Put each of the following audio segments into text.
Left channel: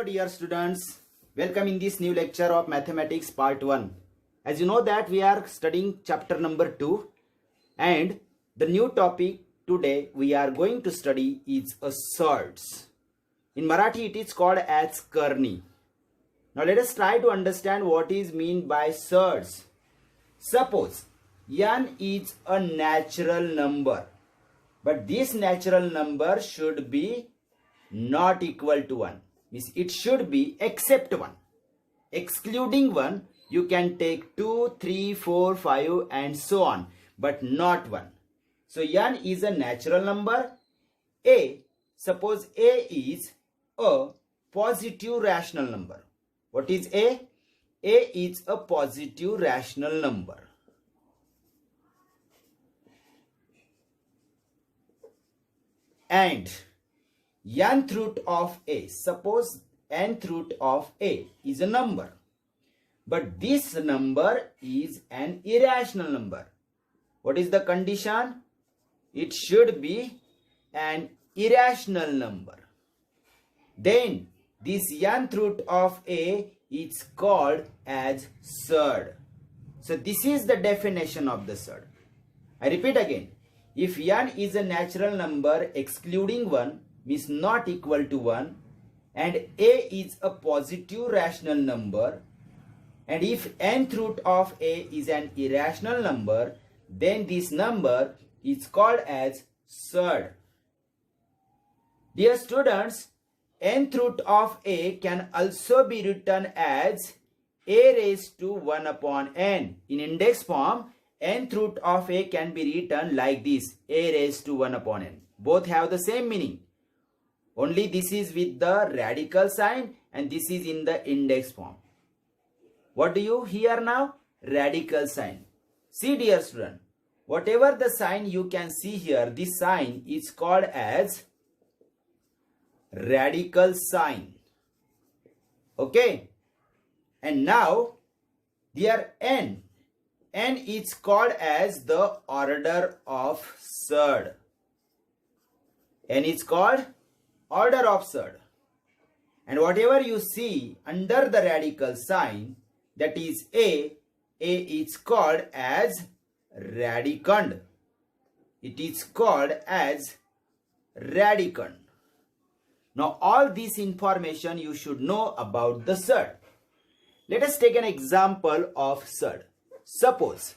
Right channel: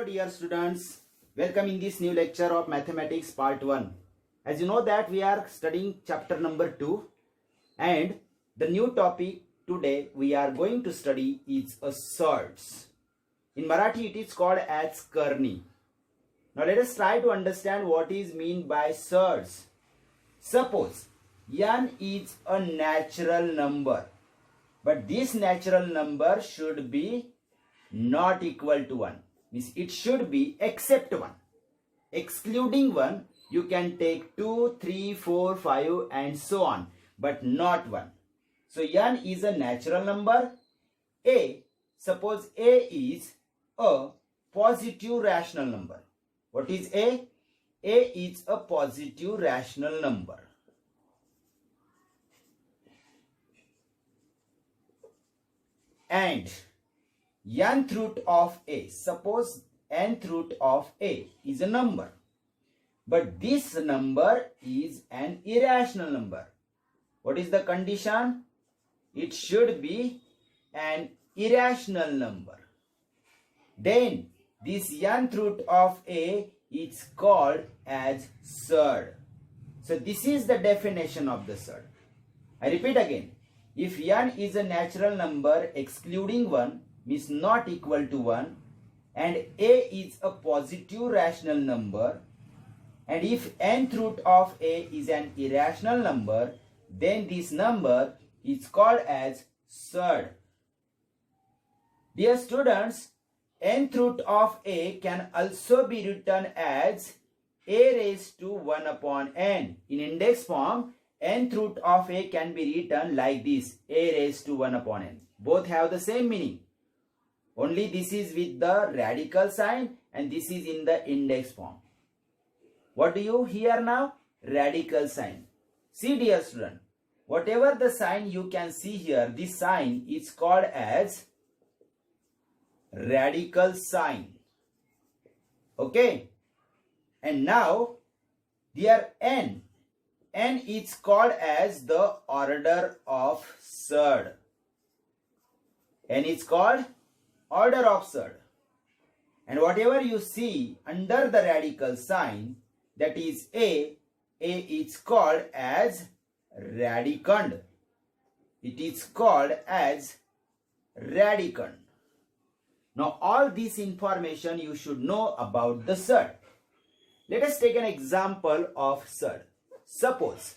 Hello dear students, welcome in this new lecture of mathematics part 1. As you know that we are studying chapter number 2 and the new topic today we are going to study is a surds. In Marathi it is called as karni. Now let us try to understand what is mean by surds. Suppose n is a natural number, but this natural number should be not equal to 1. Means it should be except 1. Excluding 1, you can take 2, 3, 4, 5 and so on, but not 1. So n is a natural number. Suppose A is a positive rational number. What is A? A is a positive rational number. And nth root of A, suppose nth root of A is a number, but this number is an irrational number. What is the condition? It should be an irrational number. Then this nth root of A is called as surd. So this is the definition of the surd. I repeat again. If n is a natural number excluding 1 means not equal to 1, and A is a positive rational number, and if nth root of A is an irrational number, then this number is called as surd. Dear students, nth root of A can also be written as A raised to 1 upon n. In index form, nth root of A can be written like this, A raised to 1 upon n. Both have the same meaning. Only this is with the radical sign and this is in the index form. What do you hear now? Radical sign. See dear student, whatever the sign you can see here, this sign is called as radical sign. Okay. And now dear n is called as the order of surd. N is called order of surd. And whatever you see under the radical sign, that is A is called as radicand. It is called as radicand. Now all this information you should know about the surd. Let us take an example of surd. Suppose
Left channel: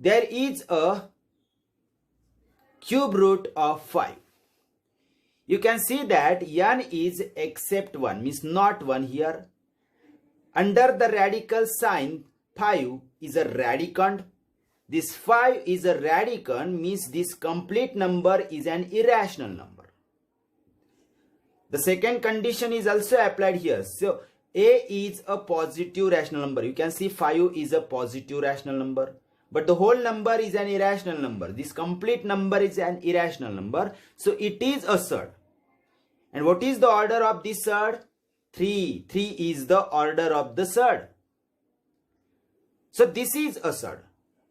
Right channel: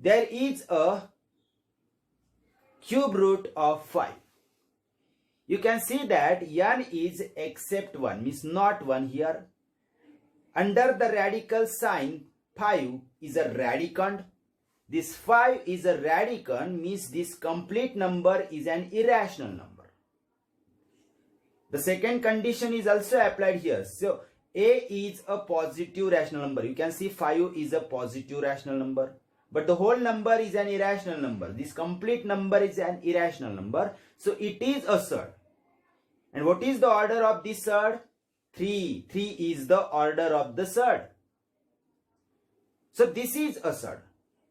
there is a cube root of 5. You can see that n is except 1, means not 1 here. Under the radical sign, 5 is a radicand. This 5 is a radicand, means this complete number is an irrational number. The second condition is also applied here. So A is a positive rational number. You can see 5 is a positive rational number. But the whole number is an irrational number. This complete number is an irrational number. So it is a surd. And what is the order of this surd? 3. 3 is the order of the surd. So this is a surd.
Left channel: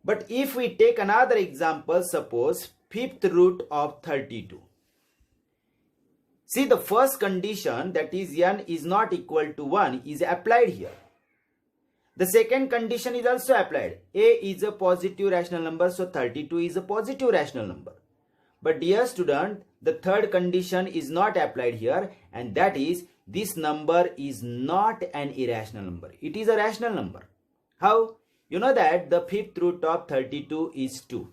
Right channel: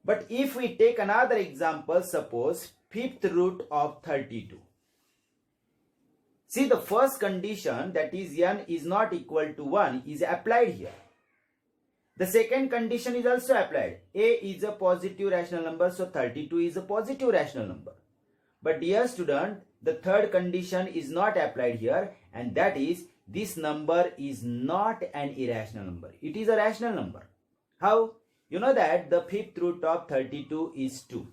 But if we take another example, suppose fifth root of 32. See, the first condition, that is n is not equal to 1, is applied here. The second condition is also applied. A is a positive rational number, so 32 is a positive rational number. But dear student, the third condition is not applied here, and that is this number is not an irrational number. It is a rational number. How? You know that the fifth root of 32 is 2,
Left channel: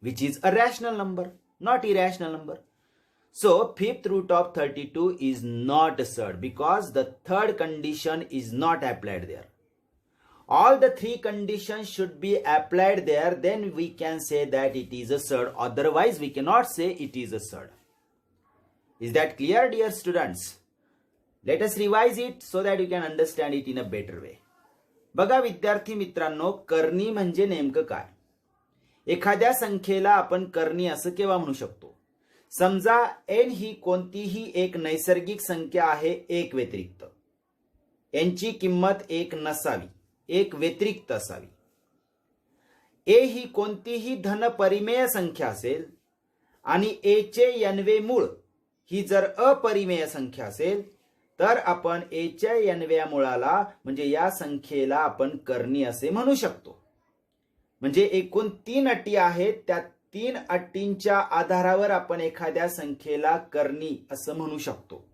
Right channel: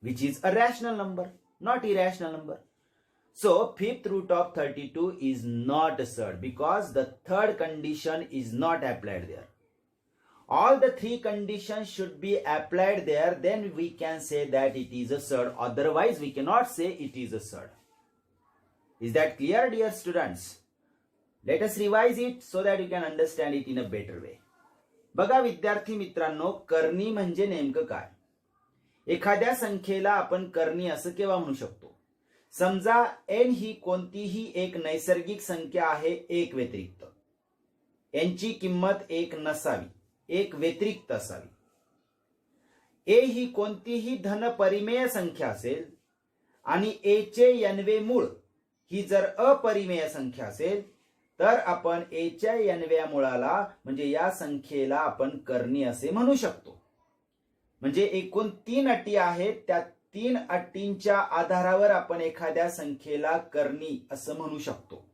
which is a rational number, not irrational number. So fifth root of 32 is not a surd because the third condition is not applied there. All the three conditions should be applied there, then we can say that it is a surd. Otherwise we cannot say it is a surd. Is that clear dear students? Let us revise it so that you can understand it in a better way. बघा विद्यार्थी मित्रांनो, करणी म्हणजे नेमकं काय? एखाद्या संख्येला आपण करणी असं केव्हा म्हणू शकतो? समजा n ही कोणतीही एक नैसर्गिक संख्या आहे एक व्यतिरिक्त. n ची किंमत एक नसावी, एक व्यतिरिक्त असावी. a ही कोणतीही धन परिमेय संख्या असेल आणि a चे nवे मूळ ही जर अपरिमेय संख्या असेल तर आपण a च्या n व्या मुळाला म्हणजे या संख्येला आपण कर्णी असे म्हणू शकतो. म्हणजे एकूण 3 अटी आहेत, त्या 3 अटींच्या आधारावर आपण एखाद्या संख्येला कर्णी असं म्हणू शकतो.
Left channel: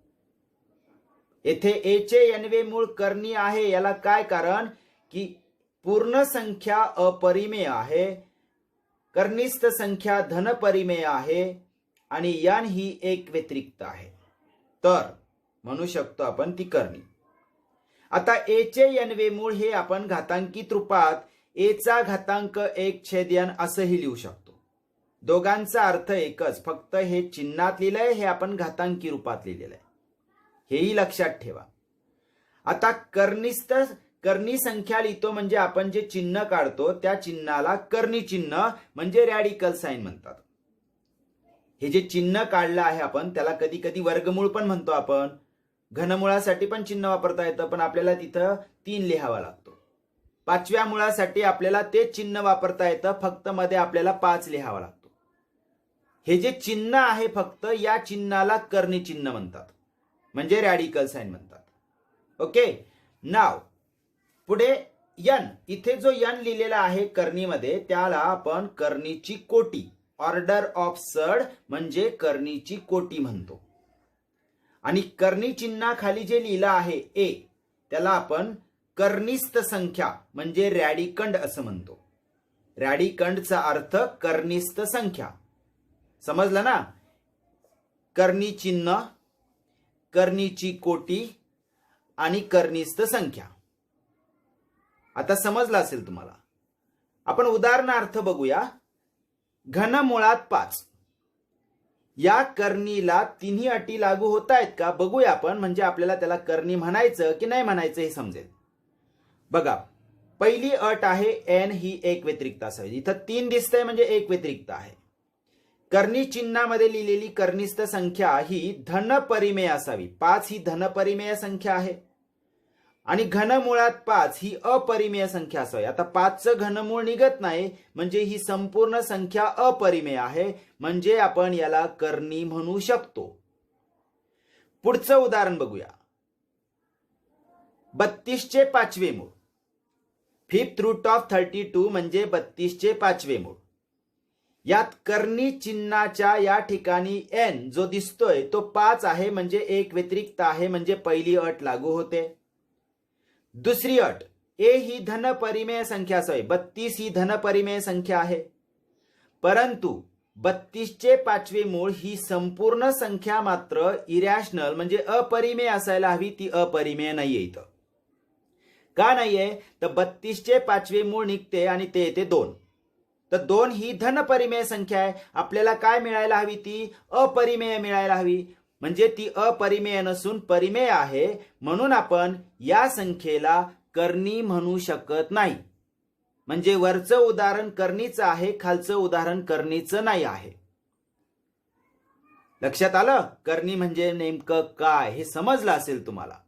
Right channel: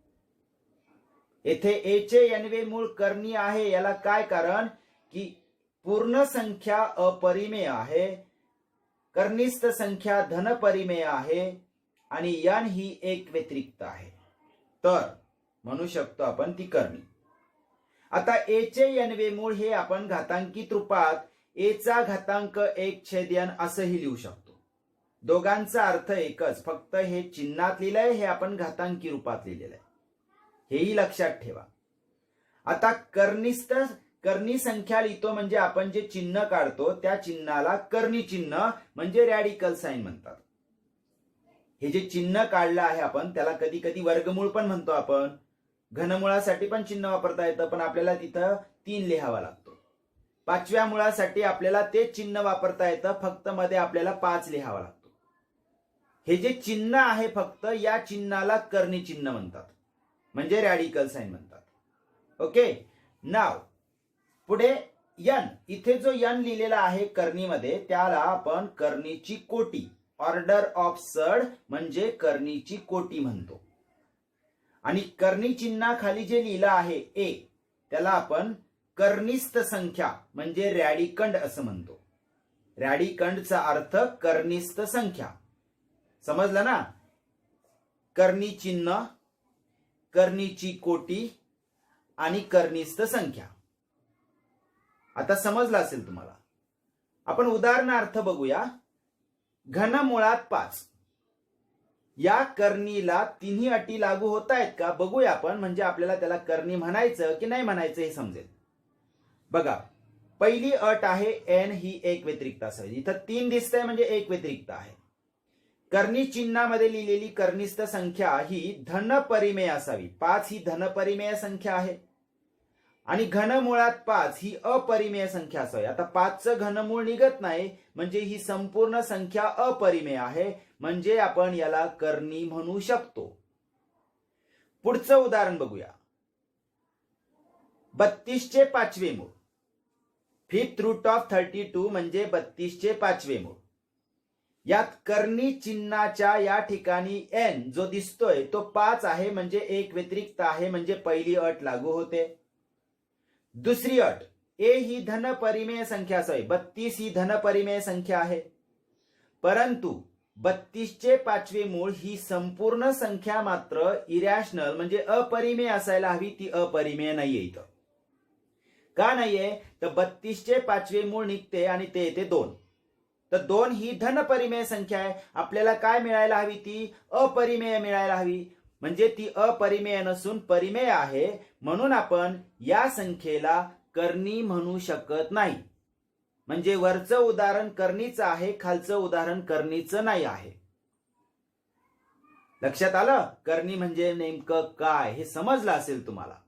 येथे a चे n वे मूळ कर्णी आहे. याला काय कारण की पूर्ण संख्या अपरिमेय आहे, कर्निस्थ संख्या धनपरिमेय आहे आणि n ही एक व्यतिरिक्त आहे, तर म्हणू शकतो आपण ती कर्णी. आता a चे n वे मूळ हे आपण घातांकित रूपात a चा घातांक 1/n असंही लिहू शकतो. दोघांचा अर्थ एकच, फक्त हे चिन्हात लिहिलंय, हे आपण घातांकी रूपात लिहिलेलं आहे, हेही लक्षात ठेवा. आता कर्णी संख्या लिहितो म्हणजे आपण जे चिन्ह काढतो त्या चिन्हाला कर्णी चिन्ह म्हणजे रॅडिकल साइन म्हणतात. हे जे चिन्ह काढलं आहे आपण त्याला कधी कधी वर्गमूळ पण म्हणतो आपण. घनमुळासाठी पण चिन्ह वापरता येतं, पण आपल्याला तिथं 3 लिहावा लागतो. 5व्या मुळासाठी आपल्याला तेच चिन्ह वापरता येतं, फक्त मध्ये आपल्याला 5 लिहावा लागतो. हे जे चिन्ह आहे फक्त या चिन्हाला कर्णी चिन्ह म्हणतात, म्हणजे रॅडिकल साइन म्हणतात. ओके, नाव पुढे n, इथे जो n लिहिलेला आहे कर्णीमध्ये त्याला आपण कर्णीची कोटी, ऑर्डर ऑफ सर्ड म्हणजे कर्णीची कोटी म्हणतो. आणि कर्णी चिन्हाखाली जे लिहिलं आहे a त्याला आपण कर्निस्थ संख्या म्हणजे रॅडिकंड असं म्हणतो. रॅडिकंडचा अर्थ कर्निस्थ संख्या, समजलं ना? कर्णी चिन्ह, कर्णीची कोटी आणि कर्निस्थ संख्या. आता समजलं असेल तुम्हाला. आपण उदाहरणार्थ बघूया. घनमुळात 5 या कर्णीला तिन्ही अटी लागू होत आहेत का बघूया आपण, म्हणजे आपल्याला त्याला कर्णी म्हणायचं की नाही म्हणायचं हे समजेल. बघा, पहिली अट आहे n ही एक व्यतिरिक्त असावी. इथं 3 दिसतंय म्हणजे एक व्यतिरिक्त आहे. कर्णी चिन्हामध्ये लिहिलेली कर्निस्थ संख्या ही धनपरिमेय असावी. 5 ही धनपरिमेय संख्या आहे आणि घनमुळात 5 ही अपरिमेय संख्या असावी. आता 5चं घनमूळ निघत नाही म्हणजे ही संपूर्ण संख्या अपरिमेय आहे, म्हणजे आपण याला कर्णी म्हणू शकतो. पुढचं उदाहरण बघूया. 32 चे 5वे मूळ, 5th रूट ऑफ 32 म्हणजे 32 चे 5वे मूळ. यात कर्णी चिन्हाच्या या ठिकाणी n जो दिसतोय तो 5 आहे, म्हणजे एक व्यतिरिक्त आहे, म्हणजे पहिली अट लागू होते. दुसरी अट, a ही धनपरिमेय संख्या असावी. 32 ही धनपरिमेय संख्या आहे, परंतु 32 चे 5वे मूळ ही संपूर्ण संख्या मात्र इरॅशनल म्हणजे अपरिमेय असायला हवी. ती अपरिमेय नाहीये इथं. का नाहीये? तर 32 चे 5वे मूळ निघते आणि ते येते 2. तर 2 ही धनपरिमेय संख्या आहे. आपल्याला काय मिळायला हवी? ती अपरिमेय मिळायला हवी, म्हणजे ती अपरिमेय नसून परिमेय आहे. म्हणून आपण या संख्येला कर्णी म्हणू शकत नाही. म्हणजे वरचं उदाहरण कर्णीचं आहे, खालचं उदाहरण कर्णीचं नाही आहे. लक्षात आलं? कर्णी म्हणजे नेमकं काय हे समजलं असेल तुम्हाला.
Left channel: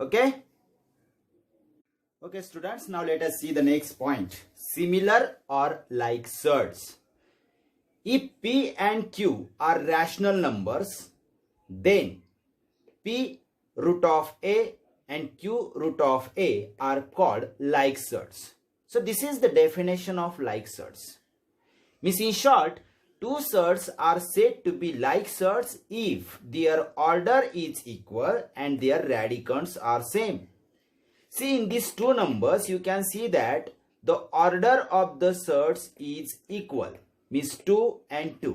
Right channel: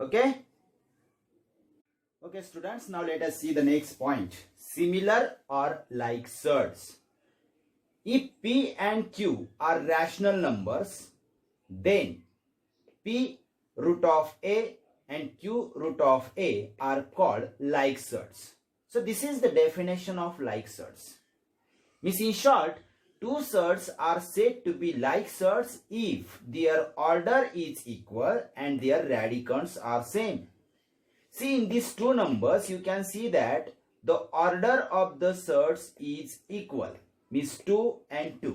Okay okay students, now let us see the next point. Similar or like surds. If p and q are rational numbers, then p root of a and q root of a are called like surds. So this is the definition of like surds. Means in short, two surds are said to be like surds if their order is equal and their radicands are same. See, in these two numbers you can see that the order of the surds is equal, means 2 and 2.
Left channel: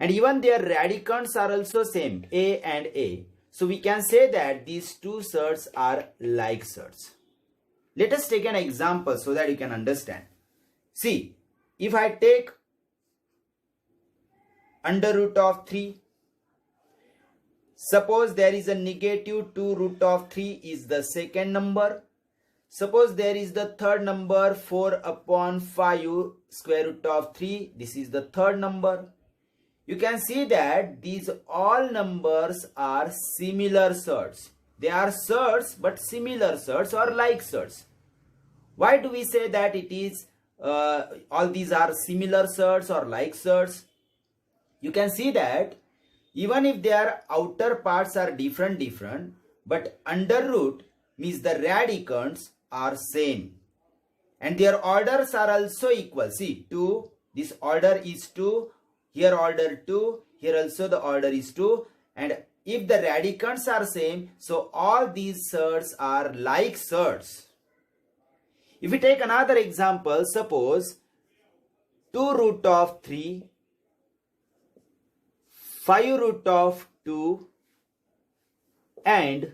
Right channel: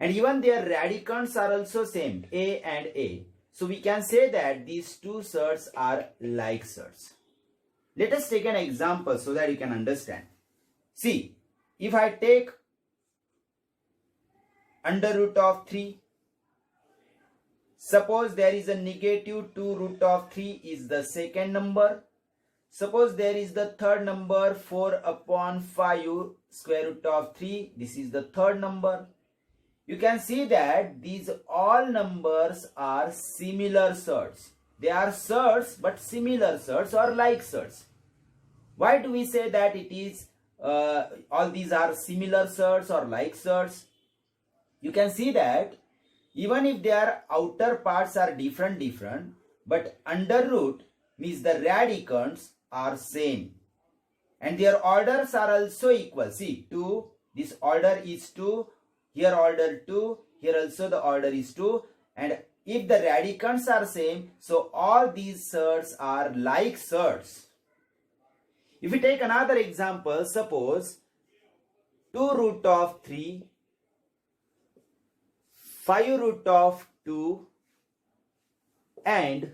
And even their radicands are also same, a and a. So we can say that these two surds are like surds. Let us take an example so that you can understand. See, if I take under root of 3, suppose there is a negative 2 root of 3 is the second number. Suppose there is the third number 4 upon 5 square root of 3. This is the third number. You can see that these all numbers are similar surds. They are surds but similar surds or like surds. Why do we say that it is all these are similar surds or like surds? You can see that even if their outer parts are different, but under root means the radicands are same. And their orders are also equal. See, 2, this order is 2, here order 2, here also the order is 2. And if the radicands are same, so all these surds are like surds. If we take another example, suppose 2 root of 3, 5 root of 2 and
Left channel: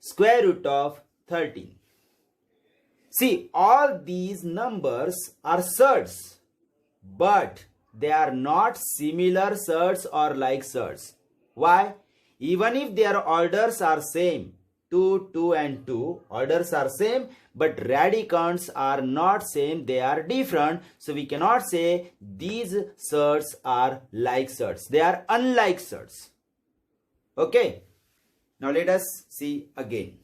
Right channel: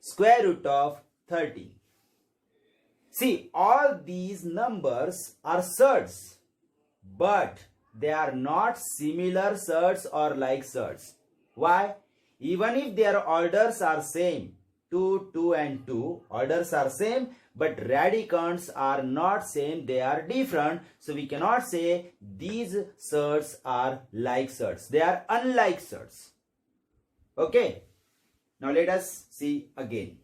square root of 13. See, all these numbers are surds, but they are not similar surds or like surds. Why? Even if their orders are same, 2, 2 and 2, orders are same, but radicands are not same, they are different. So we cannot say these surds are like surds. They are unlike surds. Okay. Now let us see again.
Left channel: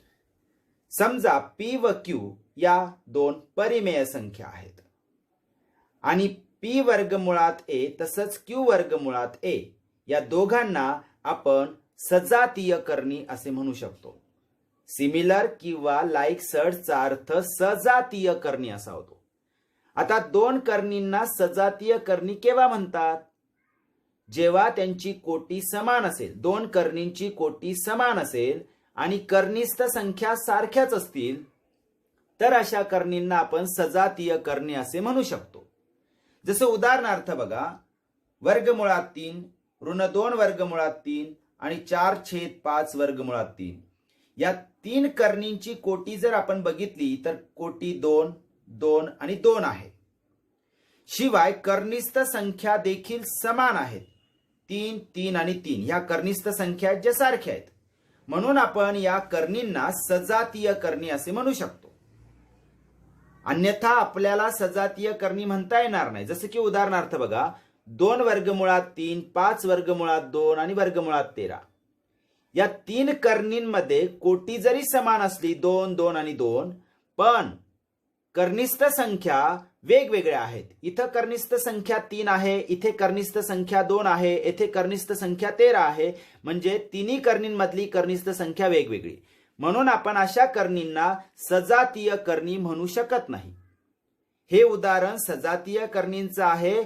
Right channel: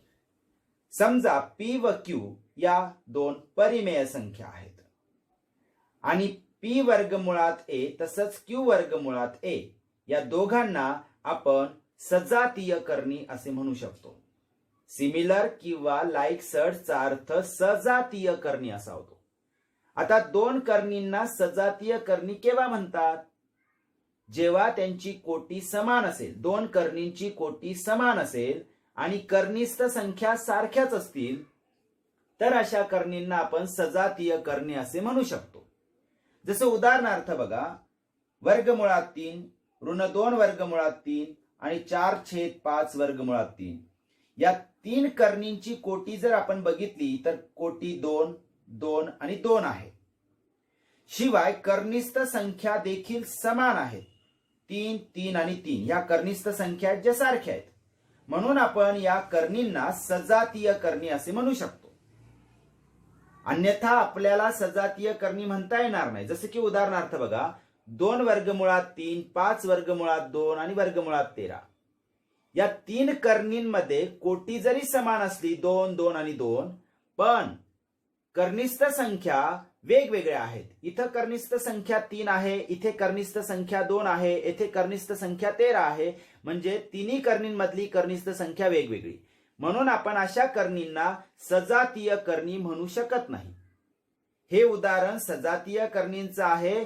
समजा P व Q या दोन परिमेय संख्या आहेत आणि P वर्गमुळात A तसंच Q वर्गमुळात A या दोघांना आपण सजातीय करणी असे म्हणू शकतो. सिमिलर किंवा लाईक सर्डचा अर्थ सजातीय करणी असा होतो. आता दोन करणींना सजातीय करणी केव्हा म्हणतात? जेव्हा त्यांची कोटी समान असेल, दोन करणींची कोटी समान असेल आणि करणीस्थ संख्या सारख्याच असतील तर अशा करणींना आपण सजातीय करणे असे म्हणू शकतो. जसे उदाहरणार्थ बघा, वर्गमुळात 3 ऋण 2 वर्गमुळात 3 आणि 4/5 वर्गमुळात 3 या तीन करणींची कोटी जर आपण बघितली तर कोटी 2, 2 आणि 2 आहे. शिवाय करणीस्थ संख्या देखील समान आहेत. 3, 3 आणि 3 ह्या करणीस्थ संख्या ज्या सारख्या आहेत, म्हणून आपण या करणींना सजातीय करणी असे म्हणू शकतो. अन्यथा आपल्याला सजातीय करणी म्हणता येणार नाही. जसे की उदाहरणार्थ बघा, 2 वर्गमुळात 3, 5 वर्गमुळात 2 आणि वर्गमुळात 13 या तीन करणींमध्ये कोटी जरी समान असली 2, 2 आणि 2, पण करणीस्थ संख्या वेगवेगळ्या आहेत. इथं करणीस्थ संख्या 3 आहे, इथे करणीस्थ संख्या 2 आहे, येथे करणीस्थ संख्या 13 आहे. म्हणजे तिन्ही करणींमधली करणीस्थ संख्या वेगवेगळी, म्हणून आपण अशा करणींना सजातीय करणी म्हणू शकत नाही. हे उदाहरण सजातीय करणींचं आहे.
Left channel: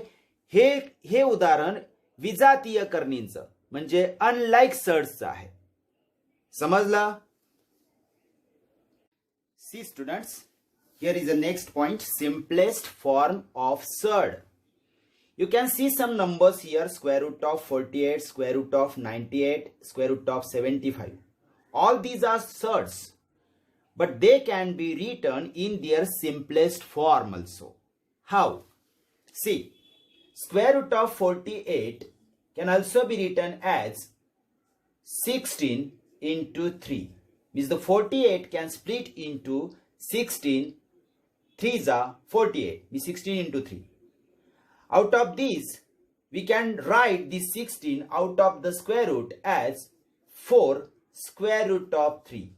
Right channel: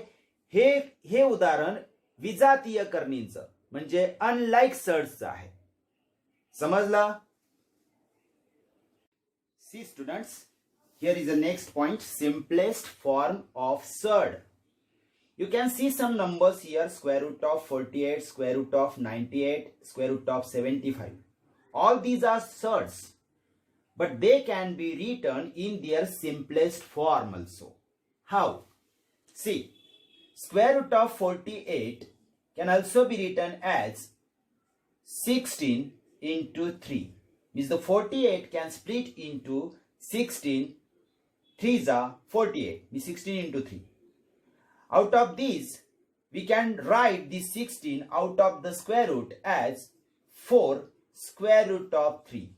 हे उदाहरण विजातीय करणींचं म्हणजे अनलाइक सर्ड्सचं आहे. समजलं? सी students, here is the next point, simplest form of surd. You can see some numbers here, square root of 48, square root of 98, square root of 75. All these are surds, but they can be written in their simplest form also. How? See, square root of 48 can also be written as 16 into 3. Means the 48 can split into 16. 3s are 48. Means 16 into 3. Out of these, we can write the 16 out of the square root as 4 square root of 3.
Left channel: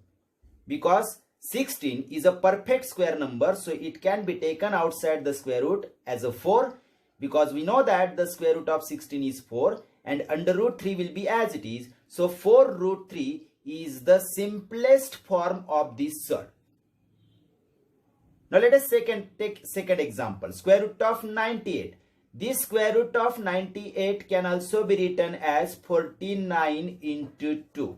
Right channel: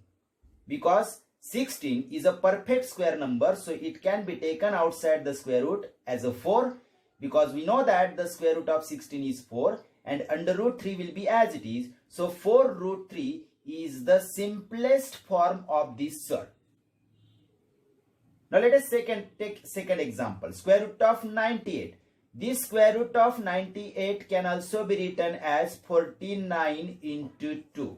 Because 16 is a perfect square number, so it can be taken outside the square root as a 4. Because we know that the square root of 16 is 4 and under root 3 will be as it is. So 4 root 3 is the simplest form of this surd. Now let us take second example. Square root of 98. This square root of 98 can also be written as 49 into 2.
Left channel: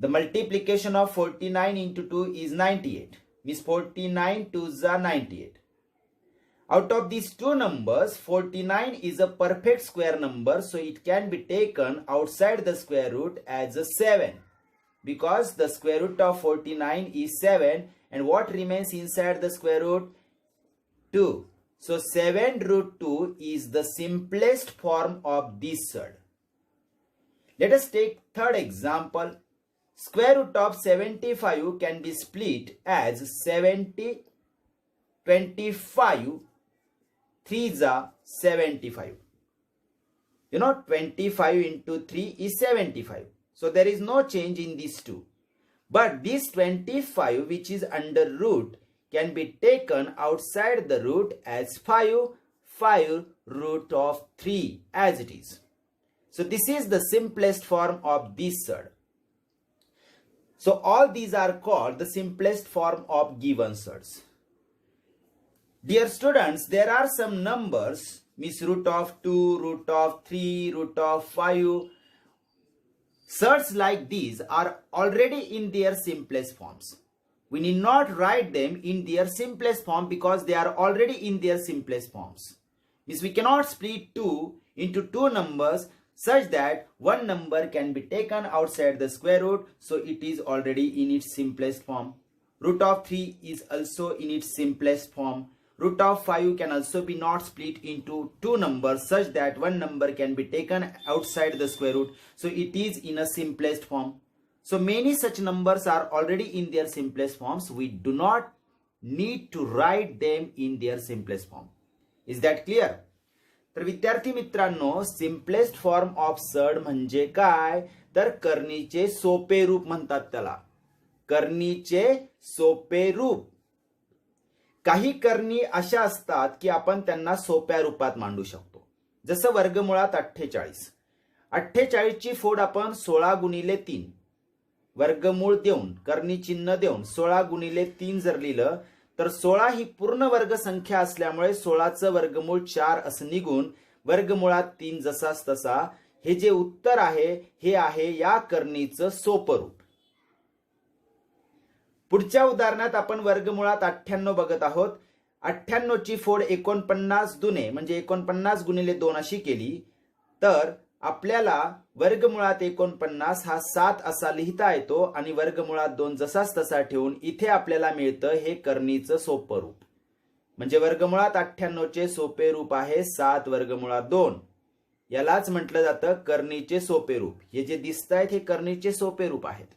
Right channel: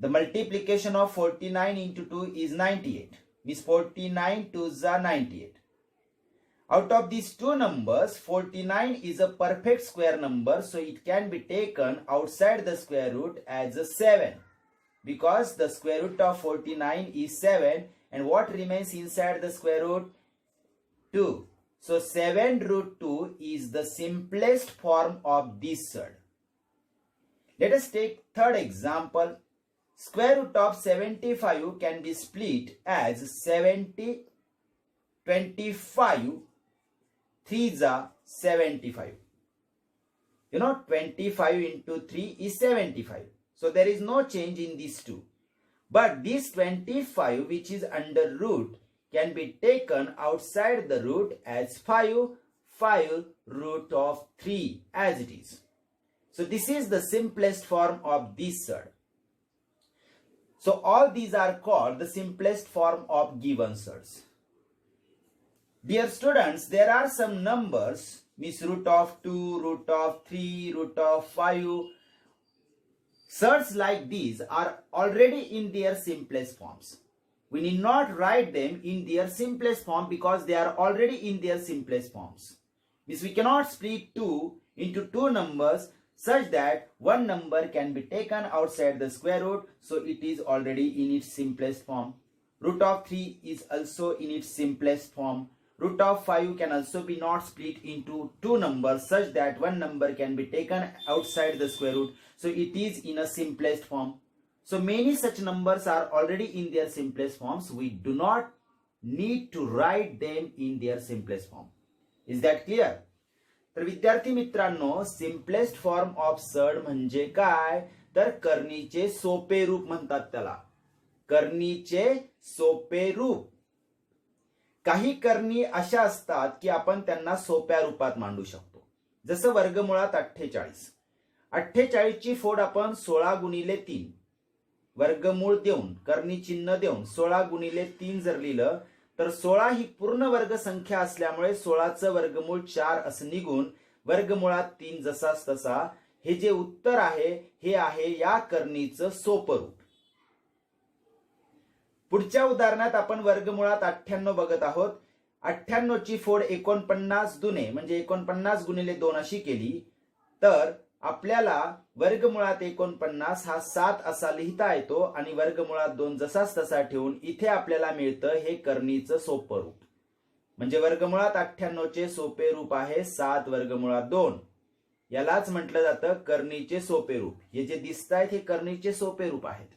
The multiplication of 49 into 2 is 98. Means 49 2s are 98. Out of these two numbers, 49 is a perfect square number, so it can be taken outside the square root as a 7. Because the square root of 49 is 7, and what remains inside the square root? 2. So 7 root 2 is the simplest form of this surd. Let us take third example. Square root of 75 can be split as 70, 25, 3s are 75. You know, 25 into 3 is 75. So there is no change in these two. But this 25 which is under root can be taken outside the root as 5 root of 3 as it is. So this is the simplest form of this surd. So all these are called the simplest form of given surds. Dear students, there are some numbers, means root of 2, root of 3, root of 5. Surds like these are already in their simplest forms. We need not write them in their simplest form because they are already in their simplest forms. Means we cannot split 2 into two numbers such that one number can be taken outside the square root, so it is already in its simplest form. Root of 3 is also in its simplest form. Root of 5 can also be not split into two numbers such that one number can be taken outside the square root, so it is in a simplest form. So many such numbers are already in their simplest forms. We do not need to write them in their simplest form. Is that clear? तर विद्यार्थी मित्रांनो, simplest form of surd म्हणजे काय, तर करणीचे सोपे रूप म्हणतात त्याला. करणीचे सोपे रूप. काही करणी अशा असतात की आपण त्यांना सोप्या रूपात मांडू शकतो. जसं वर्गमुळात 48. 48 ची फोड आपण 16 गुणिले 3 वर्गमूळ देऊन करणी चिन्ह देऊन 16 गुणिले 3 जर लिहिलं तर 16 ही पूर्ण वर्ग संख्या असल्यामुळे 16चं वर्गमूळ 4 असं निघून वर्गमुळात 3 जसाच तसा हे जे उत्तर आहे हे आहे या करणीचं सोपं रूप. पुढच्या उदाहरणात आपण वर्गमुळात 98 बघत आहोत. 98 ची फोड 49 दुने म्हणजे 49 गुणिले 2 अशी केली तर आपल्याला वर्गमुळात 49 हा 7 असा लिहिता येतो आणि वर्गमुळात 2 जसाच तसा ठेवून इथे आपल्याला मिळतं हे करणीचं सोपं रूप. म्हणजे वर्गमुळात 98 चे सोपे रूप आहे 7 वर्गमुळात 2. यालाच म्हटलं जातं करणीचे सोपे रूप. हे जे दिसतायत हे करणीचे सोपे रूप आहेत.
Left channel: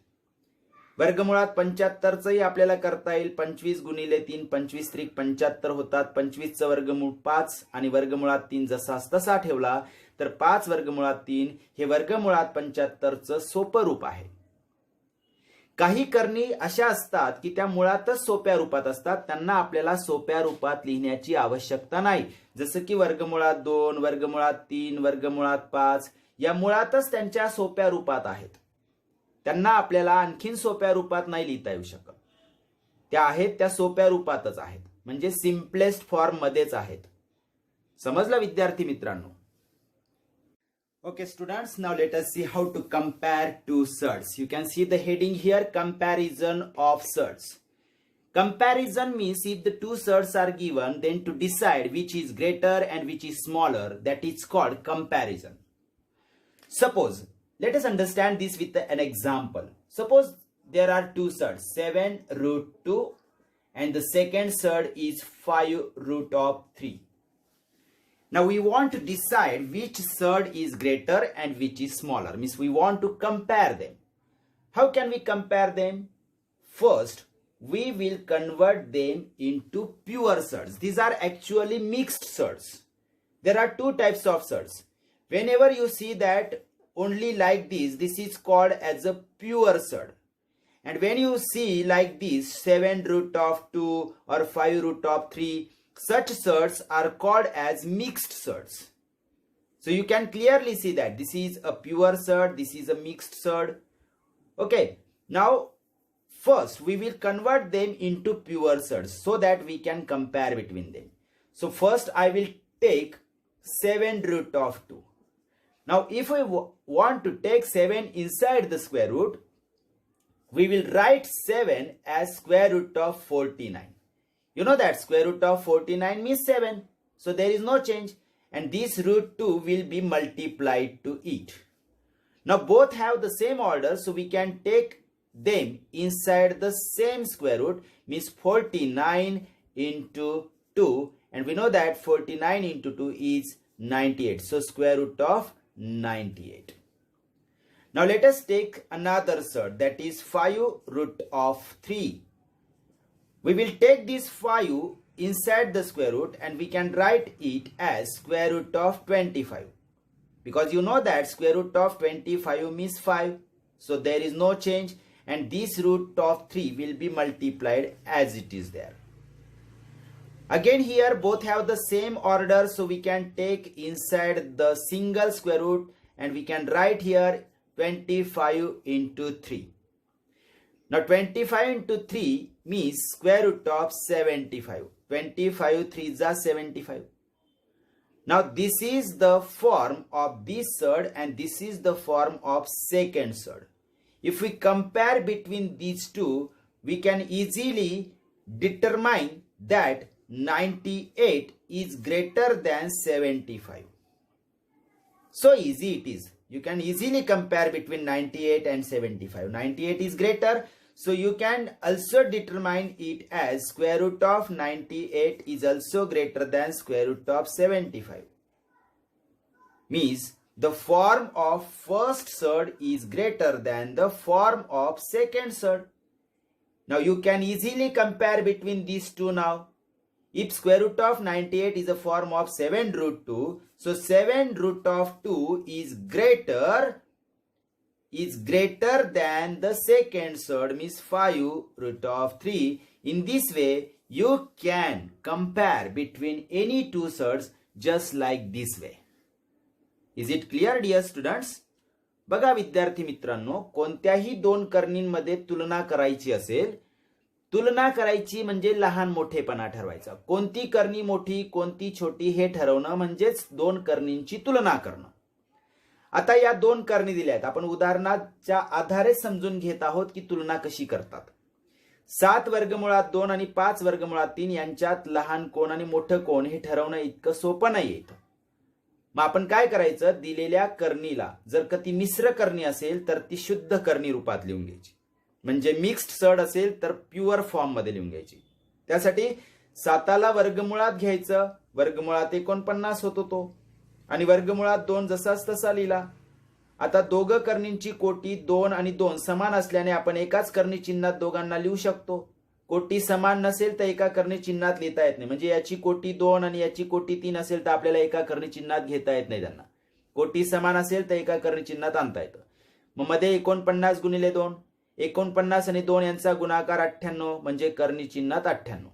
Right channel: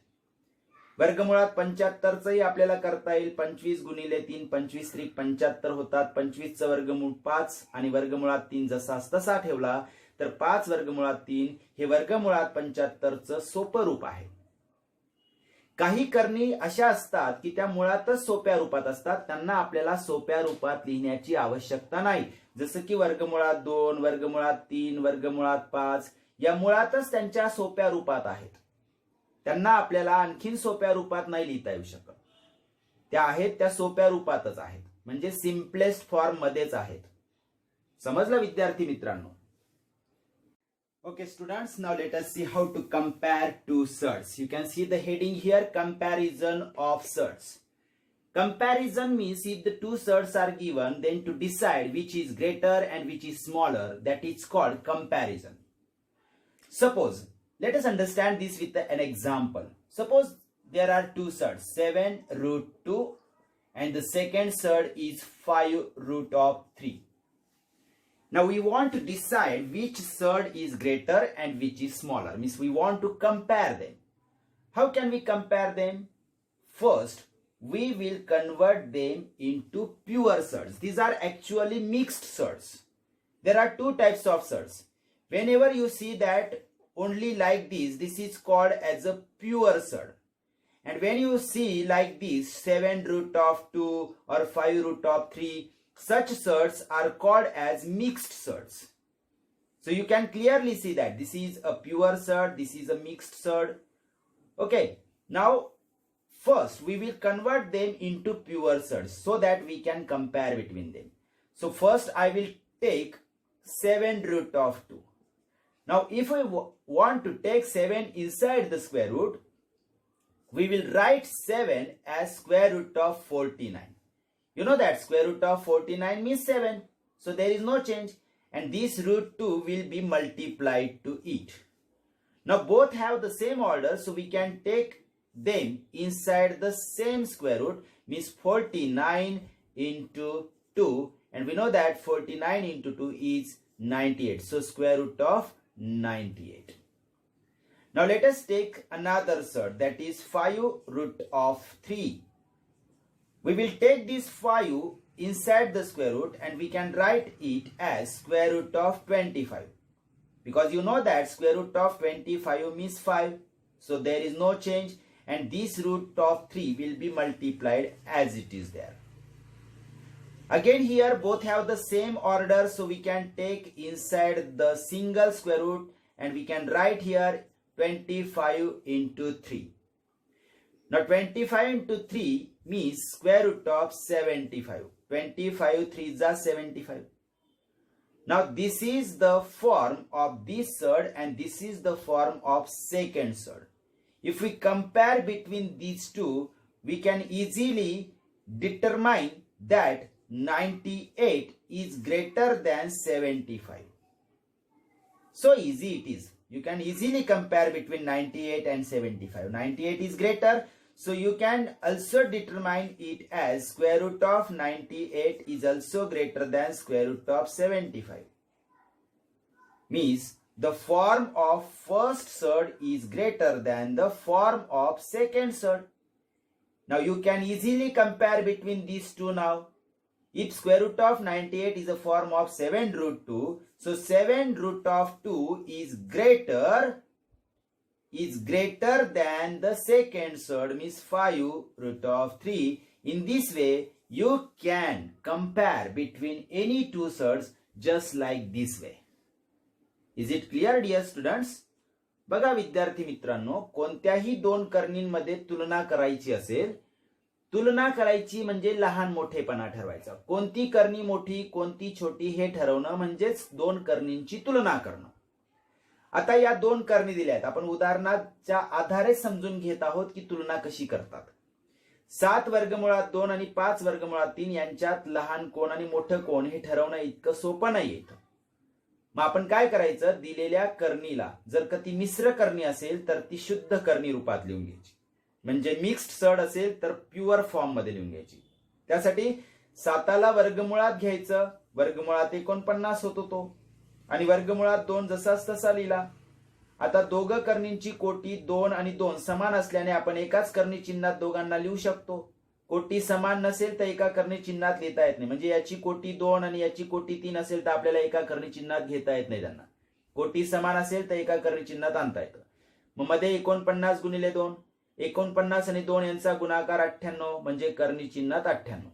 वर्गमुळात 75 चंही आपल्याला करता येईल. 25 गुणिले 3 25 त्रिक 75 होतात. 25 चं वर्गमूळ 5 आणि वर्गमुळात 3 जसाच तसा ठेवला तर 5 वर्गमुळात 3 हे वर्गमुळात 75 चं सोपं रूप आहे. काही करणी अशा असतात की त्या मुळातच सोप्या रूपात असतात, त्यांना आपल्याला सोप्या रूपात लिहिण्याची आवश्यकता नाही. जसं की वर्गमुळात 2 वर्गमुळात 3 वर्गमुळात 5 या मुळातच त्यांच्या सोप्या रूपात आहेत. त्यांना आपल्याला आणखीन सोप्या रूपात नाही लिहिता येऊ शकत. त्या आहेत त्या सोप्या रूपातच आहेत, म्हणजे सिम्पलेस्ट फॉर्म मध्येच आहेत. समजलं विद्यार्थी मित्रांनो? Okay students, now let us see how to compare two surds. You can see the heading here, comparison of surds. Comparison means if the two surds are given, then to decide which is greater and which is smaller, that is called comparison. Suppose, let us understand this with an example. Suppose there are two surds, 7 root 2 and the second surd is 5 root of 3. Now we want to decide which surd is greater and which is smaller. Means we want to compare them. How can we compare them? First, we will convert them into pure surds. These are actually mixed surds. There are two types of surds. Whenever you see that only like this is called as a pure surd. And when you see like this, 7 root of 2 or 5 root of 3, such surds are called as mixed surds. So you can clearly see that this is a pure surd, this is a mixed surd. Okay, now first we will convert them into pure surds so that we can compare between them. So first I will take 7 root of 2. Now if we want to take 7 inside the square root, we will write 7 as square root of 49. You know that square root of 49 means 7. So there is no change. And this root 2 will be multiplied to it. Now both have the same order. So we can take them inside the same square root. Means 49 into 2. And we know that 49 into 2 is 98. So square root of 98. Now let us take another surd. That is 5 root of 3. We will take this 5 inside the square root and we can write it as square root of 25. Because you know that square root of 25 means 5. So there is no change and this root of 3 will be multiplied as it is there. Again here both have the same order, so we can take inside the single square root and we can write here 25 into 3. Now 25 into 3 means square root of 75. 25 3s are 75. Now this is the form of this surd and this is the form of second surd. If we compare between these two, we can easily determine that 98 is greater than 75. So easy it is. You can easily compare between 98 and 75. 98 is greater, so you can also determine it as square root of 98 is also greater than square root of 75. Means the form of first surd is greater than the form of second surd. Now you can easily compare between these two now. If square root of 98 is a form of 7 root 2, so 7 root of 2 is greater than the second surd, means 5 root of 3. In this way, you can compare between any two surds just like this way. Is it clear, dear students? बघा विद्यार्थी मित्रांनो, कोणत्याही दोन कर्णींमध्ये तुलना करायची असेल, तुलना करायची म्हणजे लहान मोठेपणा ठरवायचा. कोणती कर्णी मोठी कोणती छोटी हे ठरवणं म्हणजेच दोन कर्णींची तुलना करणं. आता या दोन कर्णी दिल्या आहेत, आपण उदाहरणाच्या आधारे समजून घेत आहोत की तुलना कशी करतात. 7 वर्गमुळात 2 आणि 5 वर्गमुळात 3 यांच्यात लहान कोण आणि मोठं कोण हे ठरवणं इतकं सोपं नाहीये. मग आपण काय करायचं, दिलेल्या कर्णीला जर का ती मिश्र कर्णी असेल तर ती शुद्ध कर्णी रूपात लिहून घ्यायची. म्हणजे मिक्स्ड सर्ड असेल तर प्युअर फॉर्म मध्ये लिहून घ्यायची. त्यासाठी 7ला वर्गमुळात घ्यायचं, वर्गमुळात 49 होतो तो, आणि वर्गमुळात 2 जसाच तसा लिहिला. आता दोघं कर्णींची कोटी 2 आणि 2 समान असल्याने आपण एकाच कर्णी चिन्हात दोघांना लिहू शकतो. कोटी समान नसेल तर एका कर्णी चिन्हात लिहिता येत नाही. म्हणजे याची कोटी 2 आणि याची कोटी 3 असेल तर आपल्याला एका कर्णी चिन्हात घेता येत नाही त्यांना. कोटी समान असेल तर एका कर्णी चिन्हात आणता येतं. मग मध्ये 49 गुणिले 2, 49 आणि 2 यांचा गुणाकार 98 म्हणजे कर्णी चिन्हात 98.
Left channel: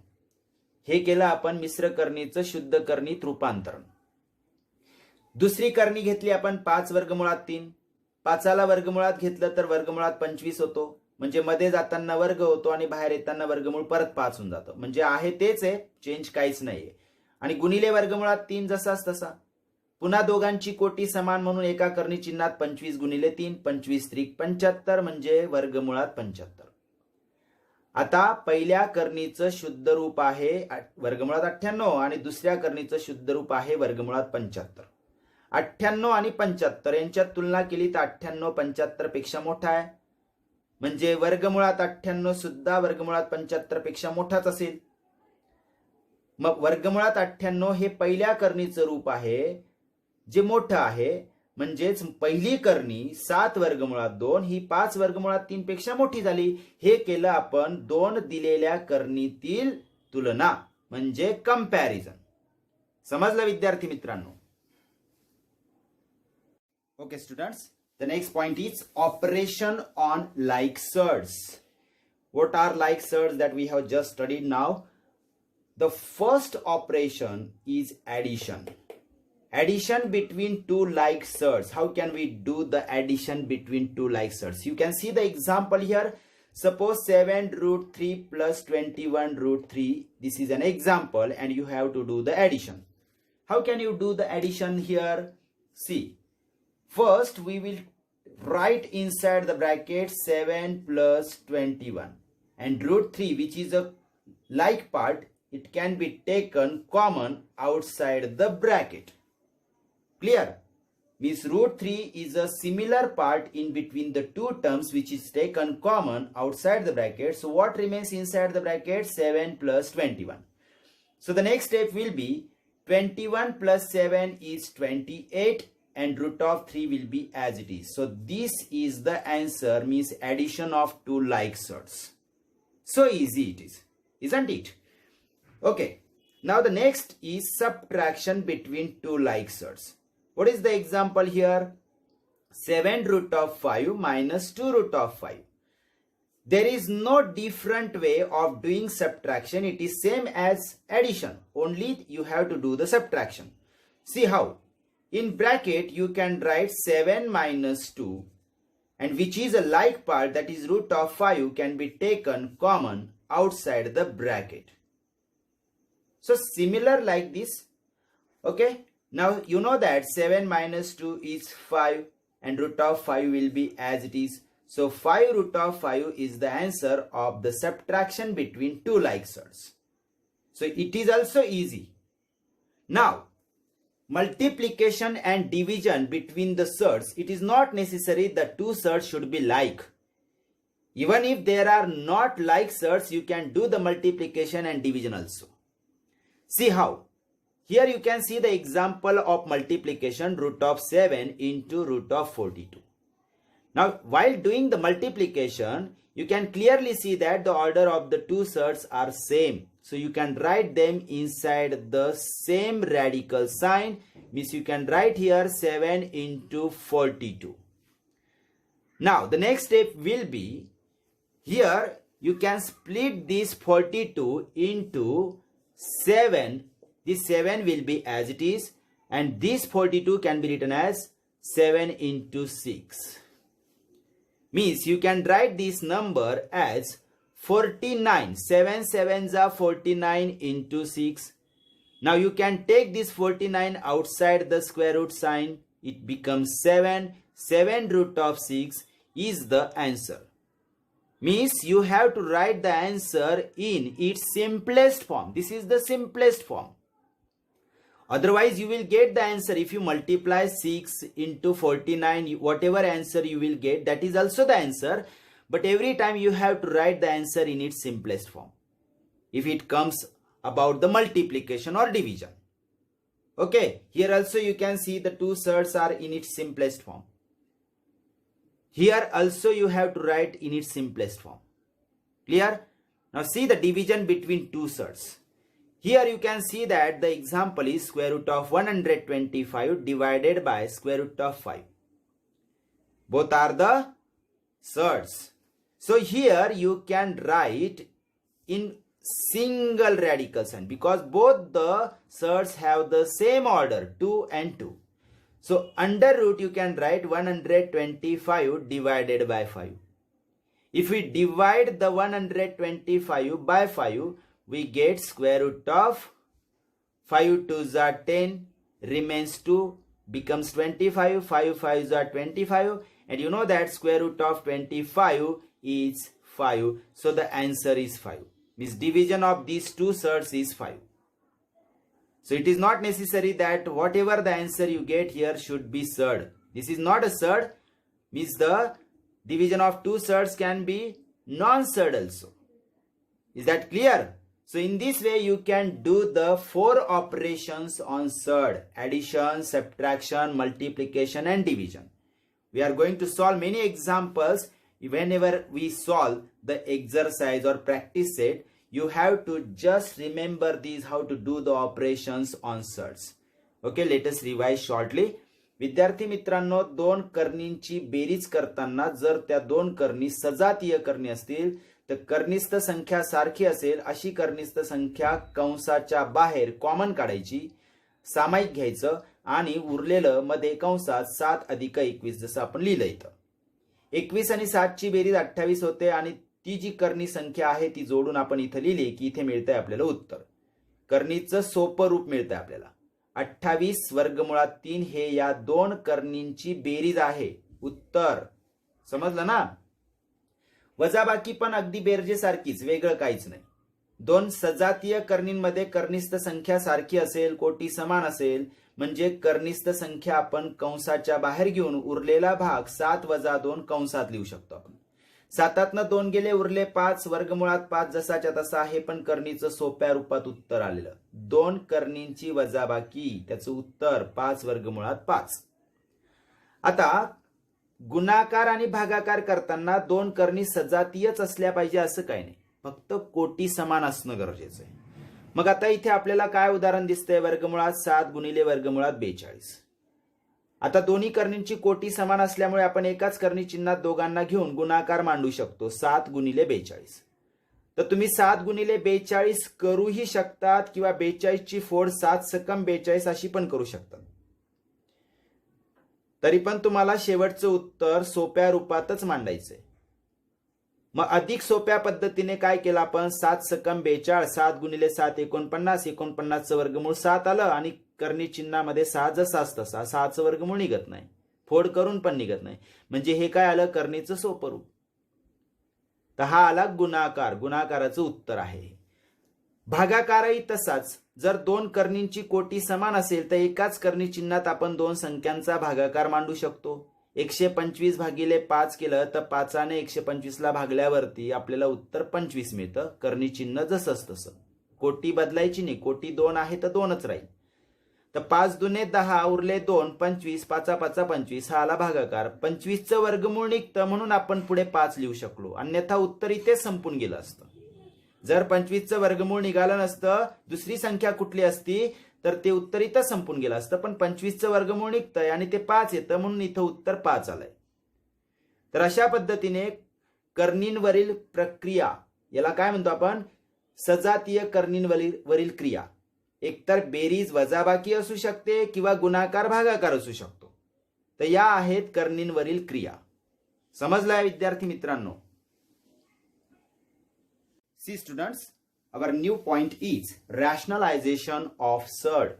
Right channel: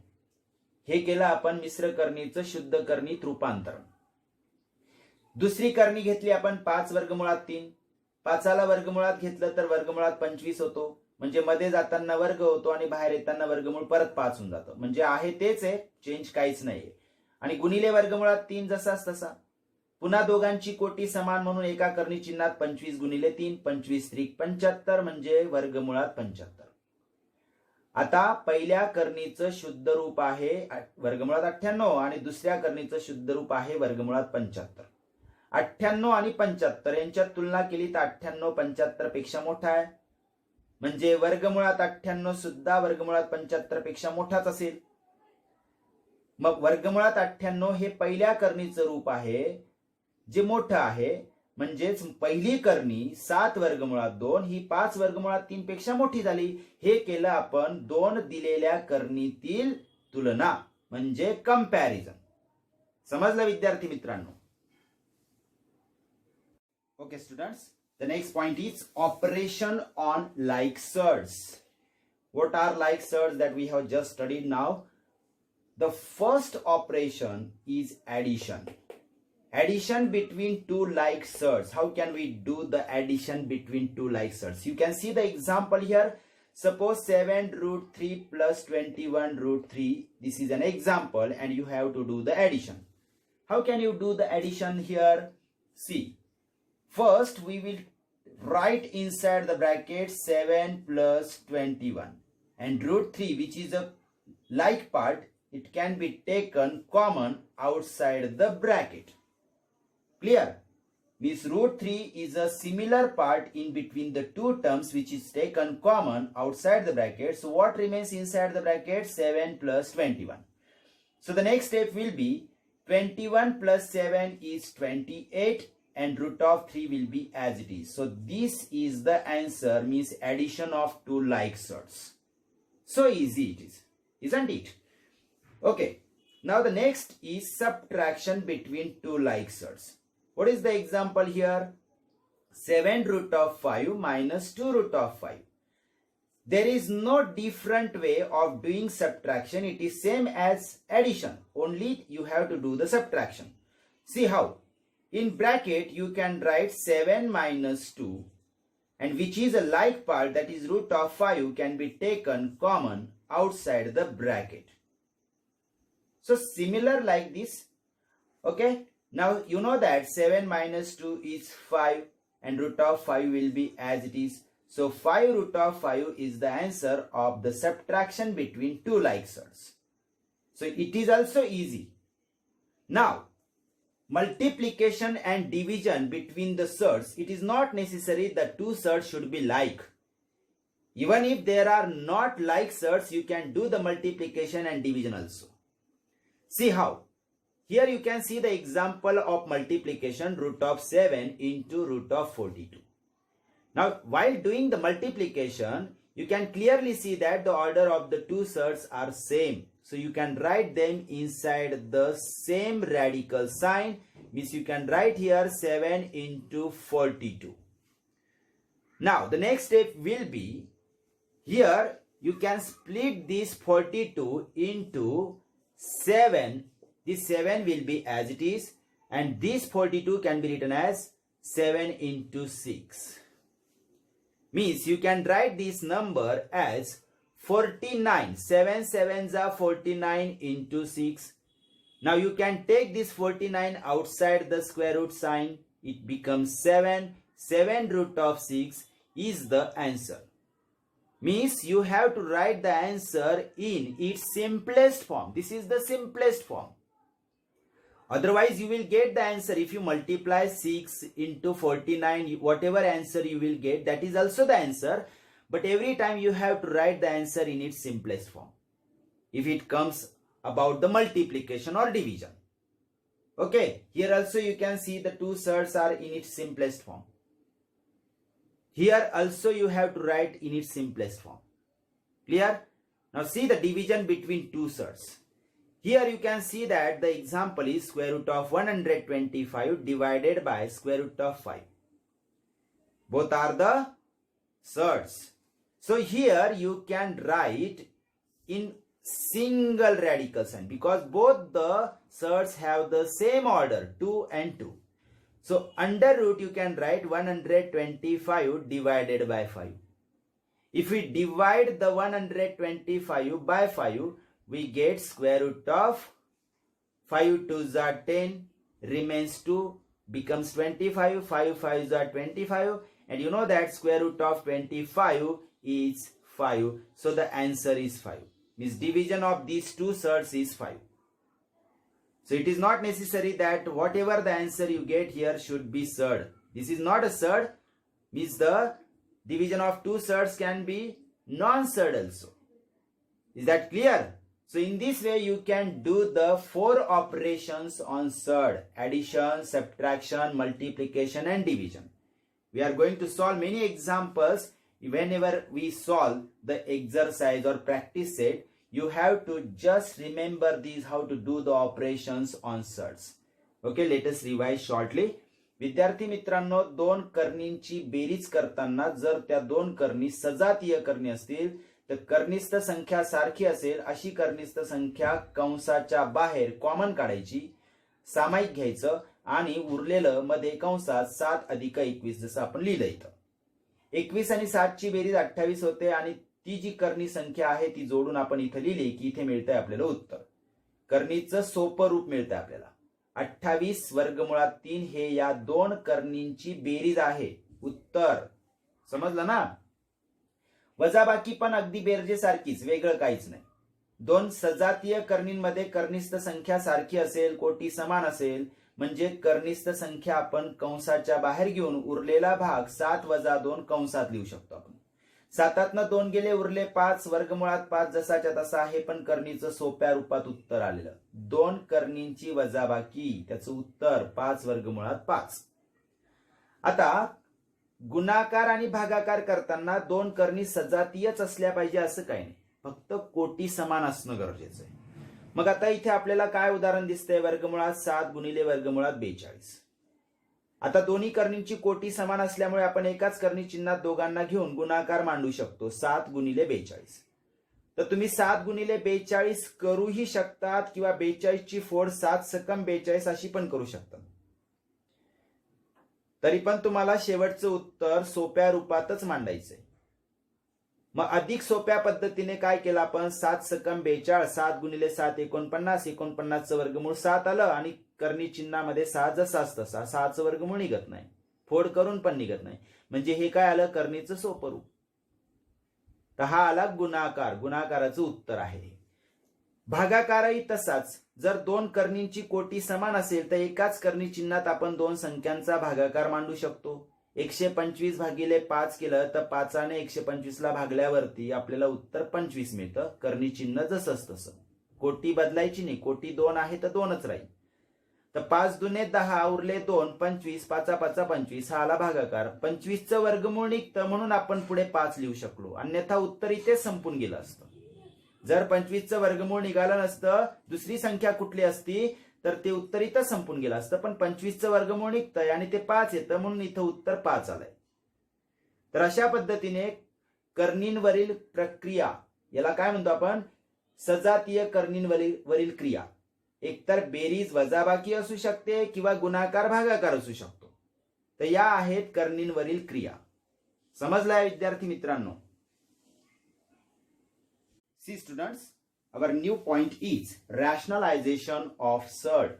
हे केलं आपण मिश्र कर्णीचं शुद्ध कर्णीत रूपांतरण. दुसरी कर्णी घेतली आपण 5 वर्गमुळात 3. 5ला वर्गमुळात घेतलं तर वर्गमुळात 25 होतो. म्हणजे मध्ये जाताना वर्ग होतो आणि बाहेर येताना वर्गमूळ परत 5 होऊन जातं. म्हणजे आहे तेच आहे, चेंज काहीच नाहीये. आणि गुणिले वर्गमुळात 3 जसाच तसा. पुन्हा दोघांची कोटी समान म्हणून एका कर्णी चिन्हात 25 गुणिले 3, 25 त्रिक 75 म्हणजे वर्गमुळात 75. आता पहिल्या कर्णीचं शुद्ध रूप आहे वर्गमुळात 98 आणि दुसऱ्या कर्णीचं शुद्ध रूप आहे वर्गमुळात 75. 98 आणि 75 यांच्यात तुलना केली तर 98 75 पेक्षा मोठा आहे. म्हणजे वर्गमुळात 98 सुद्धा वर्गमुळात 75 पेक्षा मोठाच असेल. मग वर्गमुळात 98 हे पहिल्या कर्णीचं रूप आहे जे मोठं आहे. म्हणजेच पहिली कर्णी 7 वर्गमुळात 2 ही 5 वर्गमुळात 3 पेक्षा मोठी झाली. हे केलं आपण दोन दिलेल्या कर्णीतील तुलना म्हणजे कंपॅरिझन. समजलं विद्यार्थी मित्रांनो? Okay students, the next point is operation on like surds. What are like surds that we have just studied now? The first operation is addition. Addition between two like surds. How can we do the addition between two like surds? You can see the example here. Suppose 7 root 3 plus 21 root 3. This is an example and you have to do the addition. How can you do the addition here? See, first we will write inside the bracket 7 plus 21 and root 3, which is a like part, it can be taken common outside the bracket. Clear? Means root 3 is a similar part in between the two terms which is taken common outside the bracket. So what remains inside the bracket? 7 plus 21. So the next step will be 21 plus 7 is 28 and root of 3 will be as it is. So this is the answer, means addition of two like surds. So easy it is, isn't it? Okay, now the next is subtraction between two like surds. What is the example here? 7 root of 5 minus 2 root of 5. There is no different way of doing subtraction. It is same as addition, only you have to do the subtraction. See how? in bracket you can write 7 minus 2, and which is a like part, that is root of 5, can be taken common outside the bracket. So similar like this. Okay, now you know that 7 minus 2 is 5 and root of 5 will be as it is. So 5 root of 5 is the answer of the subtraction between two like surds. So it is also easy. Now multiplication and division between the surds, it is not necessary the two surds should be like. Even if there are not like surds, you can do the multiplication and division also. See how. Here you can see the example of multiplication, root of 7 into root of 42. Now while doing the multiplication, you can clearly see that the order of the two surds are same. So you can write them inside the same radical sign. Means you can write here 7 into 42. Now the next step will be, here you can split this 42 into 7. This 7 will be as it is, and this 42 can be written as 7 into 6. Means you can write this number as 49. 7 sevens are 49 into 6. Now you can take this 49 outside the square root sign. It becomes 7. 7 root of 6 is the answer. Means you have to write the answer in its simplest form. This is the simplest form. Otherwise you will get the answer. If you multiply 6 into 49, whatever answer you will get, that is also the answer. But every time you have to write the answer in its simplest form, if it comes about the multiplication or division. Okay, here also you can see the two surds are in its simplest form. Here also you have to write in its simplest form. Clear? Now see the division between two surds. Here you can see that the example is square root of 125 divided by square root of 5. Both are the surds. So here you can write in single radical sign because both the surds have the same order, 2 and 2. So under root you can write 125 divided by 5. If we divide the 125 by 5, we get square root of 5 2s are 10, remains 2, becomes 25, 5 5s are 25, and you know that square root of 25 is 5. So the answer is 5. Means division of these two surds is 5. So it is not necessary that whatever the answer you get here should be surd. This is not a surd. Means the division of two surds can be non-surd also. Is that clear? So in this way you can do the 4 operations on surd: addition, subtraction, multiplication and division. We are going to solve many examples. Whenever we solve the exercise or practice set, you have to just remember these, how to do the operations on surds. Okay, let us revise shortly. विद्यार्थी मित्रांनो, दोन कर्णींची berries करताना जर त्या दोन कर्णी सजातीय कर्णी असतील तर कर्णिस्थ संख्या सारखी असेल अशी कर्णिस्थ संख्या कंसाच्या बाहेर कॉमन काढायची, सामायिक घ्यायचं आणि उरलेलं मध्ये कंसात 7 अधिक 21 जसं आपण लिहिलं इथं. 21 आणि 7 ची बेरीज 28 होते आणि ती जी कर्णी संख्या आहे ती जोडून आपण इथे लिहिली की इथे मिळतंय आपल्याला उत्तर. कर्णीचं सोपं रूप मिळतंय आपल्याला. 28 वर्गमुळात 3 हे या दोन कर्णींची बेरीज आहे. उत्तर समजलं ना? वजाबाकी पण अगदी बेरजेसारखीच, वेगळं काहीच नाही. दोन सजातीय कर्णींमध्ये कर्णिस्थ संख्या सारखी असेल, कोटी समान असेल म्हणजे कर्णिस्थ संख्या आपण कंसाच्या बाहेर घेऊन उरलेला भाग 7 वजा 2 कंसात लिहू शकतो आपण. 7तनं 2 गेले, उरले 5, वर्गमुळात 5 जसाच्या तसा. हे पण कर्णीचं सोप्या रूपात उत्तर आलेलं. दोन कर्णींची वजाबाकी, त्याचं उत्तर 5 वर्गमुळात 5. आता गुणाकार आणि भागाकार करताना दोन कर्णी सजातीयच असल्या पाहिजे असं काही नाही, फक्त कोटी समान असणं गरजेचं आहे. मग आता इथे आपल्याला काय उदाहरण दिसतंय? वर्गमुळात 7 गुणिले वर्गमुळात 42. आता दोन्ही कर्णींची कोटी समान असल्यामुळे आपण एकाच कर्णी चिन्हात दोघांना घेऊन गुणाकार मांडू शकतो. 7 गुणिले 42. तर तुम्ही 7 गुणिले 42 करूही शकतात किंवा 42 ची फोड 7 सकम 42 अशी पण करू शकतात. तरी पण तुम्हाला शेवटचं उत्तर सोप्या रूपातच मांडायचंय. मग अधिक सोप्या पद्धतीने काय केलं आपण, 7 सकम 42, 7 गुणिले 7 49, 49चं वर्गमूळ 7 आलं आणि कर्णी चिन्हामध्ये 6 जसाच तसा, 6चं वर्गमूळ निघत नाही, फोड करून पण निघत नाही, म्हणजे हे काय आलं, कर्णीचं सोपं रूप. तर हा आला गुणाकार, गुणाकाराचं उत्तर आहे. भागाकारही तसाच. जर दोन कर्णींची कोटी समान असेल तर एकाच कर्णी चिन्हात आपण दोन संख्यांचा भागाकार मांडू शकतो. 125 भागिले 5 केलं तर 5ने 125ला भागल्यावरती आपल्याला उत्तर 25 मिळतं. कर्णी चिन्ह जसंच तसं, कोटी बदलायची नाही, कोटी 2 आहे तर 2च राहील. तर 5 दुने 10 उरले 2, 25, 5 5 25, हा आला भागाकार. 25चं वर्गमूळ निघतं म्हणून आपण पुढे 5 लिहू शकलो, अन्यथा उत्तर इथे संपून गेलं असतं. जर 25चं वर्गमूळ निघालं नसतं, दुसरी संख्या कुठली असती तर ते उत्तर इथं संपून गेलं असतं, पण 25चं वर्गमूळ निघतंय आणि ते 5 येतं म्हणून इथं उत्तर 5 आलंय. तर अशा पद्धतीने कर्णींवरील प्रक्रिया, याला काय म्हणतो आपण, सजातीय कर्णींवरील क्रिया, एकतर बेरीज वजाबाकी असू शकते किंवा गुणाकार भागाकार असू शकतो. तर या आहेत कर्णींवरील क्रिया. समजलाय विद्यार्थी मित्रांनो? See students, our new point is rationalization of surd.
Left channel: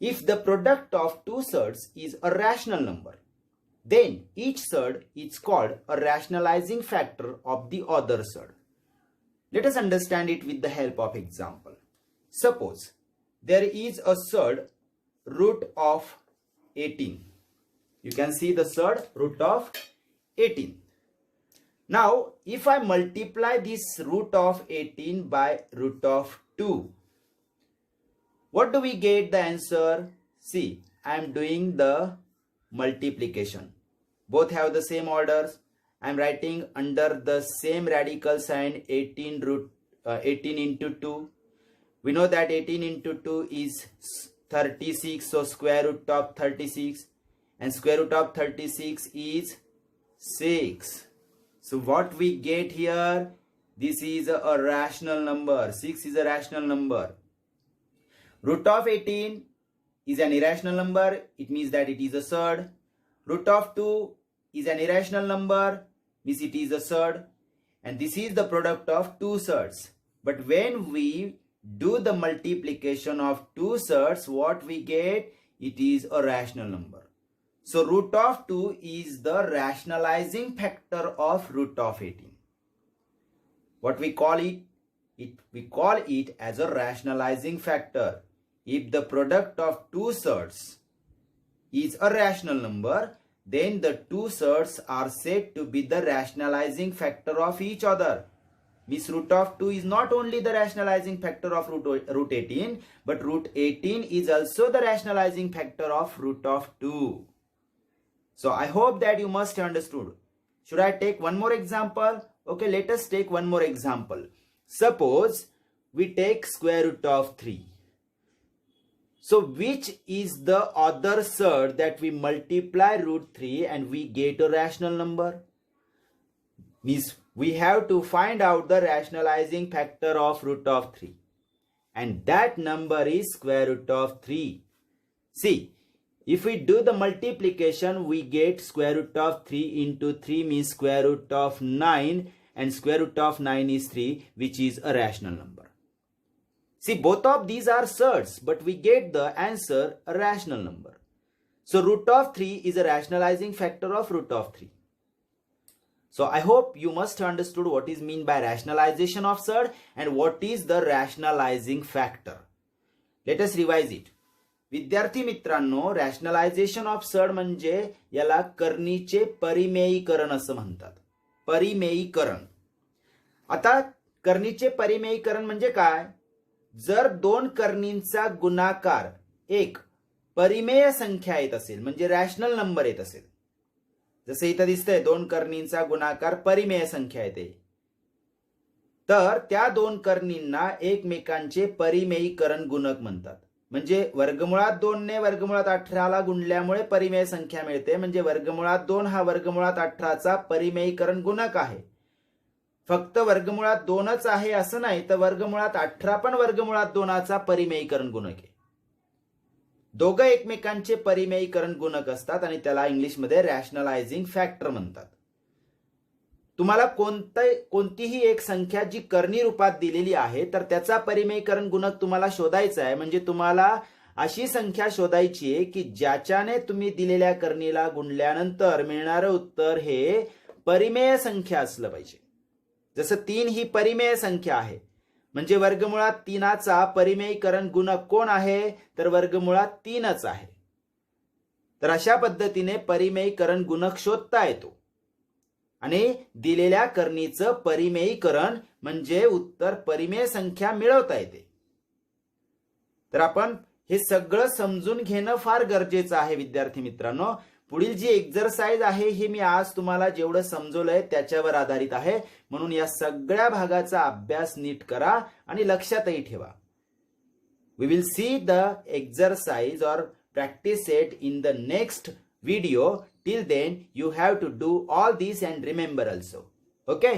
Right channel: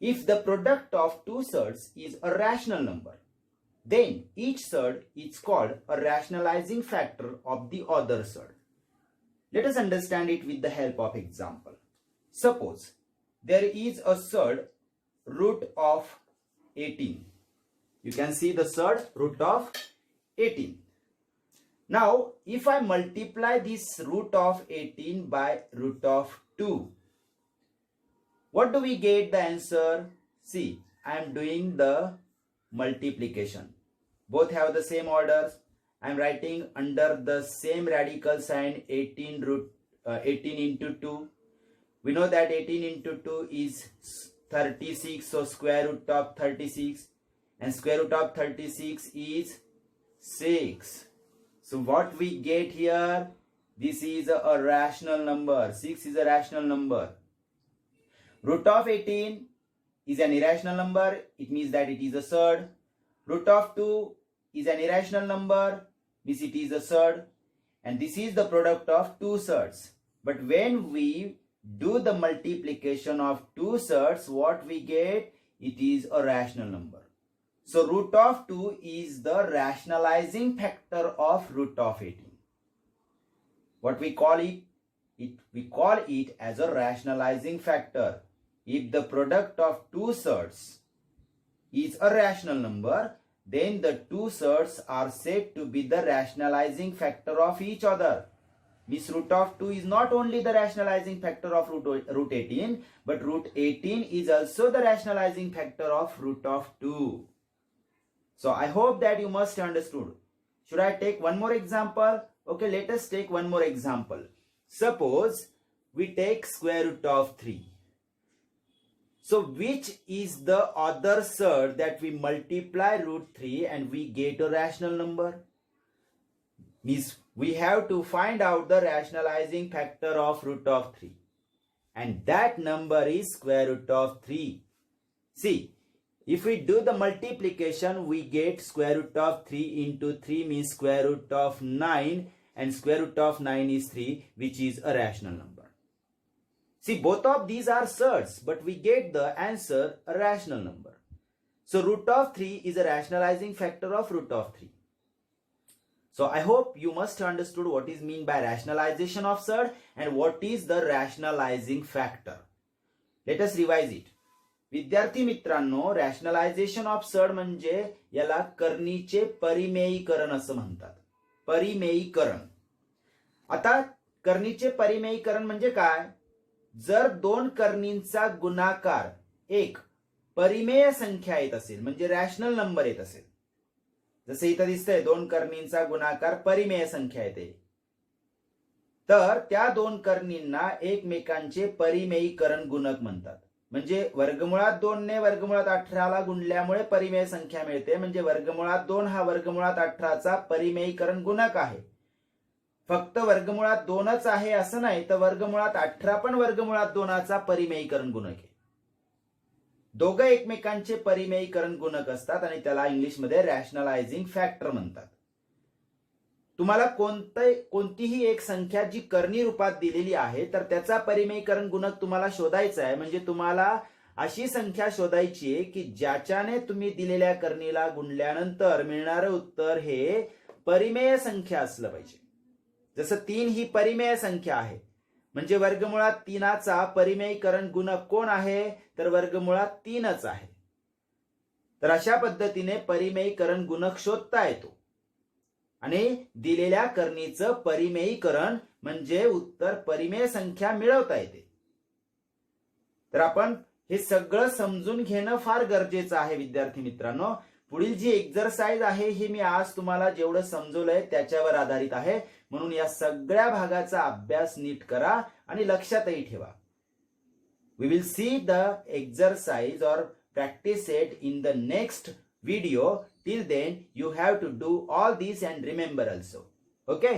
If the product of two surds is a rational number, then each surd is called a rationalizing factor of the other surd. Let us understand it with the help of example. Suppose there is a surd root of 18. You can see the surd root of 18. Now, if I multiply this root of 18 by root of 2, what do we get the answer? See, I am doing the multiplication. Both have the same orders. I am writing under the same radical sign 18 into 2. We know that 18 into 2 is 36, so square root of 36, and square root of 36 is 6. So what we get here, this is a rational number. 6 is a rational number. Root of 18 is an irrational number. It means that it is a surd. Root of 2 is an irrational number. Means it is a surd. And this is the product of two surds. But when we do the multiplication of two surds, what we get? It is a rational number. So root of 2 is the rationalizing factor of root of 18. What we call it? We call it as a rationalizing factor. If the product of two surds is a rational number, then the two surds are said to be the rationalizing factor of each other. This root of 2 is not only the rationalizing factor of root 18, but root 18 is also the rationalizing factor of root of 2. So I hope that you must have understood. Should I take one more example? Okay, let us take one more example. Suppose we take square root of 3. So which is the other surd that we multiply root 3 and we get a rational number? Means we have to find out the rationalizing factor of root of 3. And that number is square root of 3. See, if we do the multiplication, we get square root of 3 into 3 means square root of 9, and square root of 9 is 3, which is a rational number. See, both of these are surds, but we get the answer a rational number. So root of 3 is a rationalizing factor of root of 3. So I hope you must have understood what is meant by rationalization of surd and what is the rationalizing factor. Let us revise it. विद्यार्थी मित्रांनो, rationalisation of surd म्हणजे याला कर्णीचे परिमेयीकरण असं म्हणतात. परिमेयीकरण. आता कर्णीचे परिमेयीकरण म्हणजे काय? जर दोन कर्णींचा गुणाकार एक परिमेय संख्या येत असेल, म्हणजे रॅशनल नंबर येत असेल, जसं इथं दिसतंय दोन कर्णींचा गुणाकार परिमेय संख्या येते, तर त्या दोन कर्णींना एकमेकांचे परिमेयीकरण गुणक म्हणतात. म्हणजे वर्गमुळात 2 ने वर्गमुळात 18ला गुणल्यामुळे परिमेय संख्या मिळते, म्हणजे वर्गमुळात 2 हा वर्गमुळात 18चा परिमेयीकरण गुणक आहे. फक्त वर्गमुळात 2च आहे असं नाही, तर वर्गमुळात 18 पण वर्गमुळात 2चा परिमेयीकरण गुणक आहे. दोघं एकमेकांचे परिमेयीकरण गुणक असतात आणि त्याला इंग्लिशमध्ये रॅशनलायझिंग फॅक्टर म्हणतात. तुम्हाला कोणतीही एक संख्या जी कर्णी रूपात दिलेली आहे तर त्याचा परिमेयीकरण गुणक तुम्हाला शोधायचा आहे. म्हणजे तुम्हाला अशी संख्या शोधायची आहे की ज्याच्याने तुम्ही दिलेल्या कर्णीला गुणल्यानंतर मिळणारं उत्तर हे परिमेय संख्या असलं पाहिजे. जसं 3 ही परिमेय संख्या आहे म्हणजे वर्गमुळात 3चा परिमेयीकरण गुणक कोण आहे तर वर्गमुळात 3च आहे. तर अशा पद्धतीने परिमेयीकरण गुणक शोधता येतो आणि दिलेल्या कर्णीचं परिमेयीकरण म्हणजे उत्तर परिमेय संख्या मिळवता येते. तर आपण हे सगळं समजून घेणं फार गरजेचं आहे विद्यार्थी मित्रांनो. पुढील जी एक्झरसाइज आहे हे मी आज तुम्हाला जेवढं समजवलंय त्याच्यावर आधारित आहे. म्हणून या सगळ्या भागाचा अभ्यास नीट करा आणि लक्षातही ठेवा. We will see the exercise और practice it in the next video. Till then you have to do all these and remember also. Okay.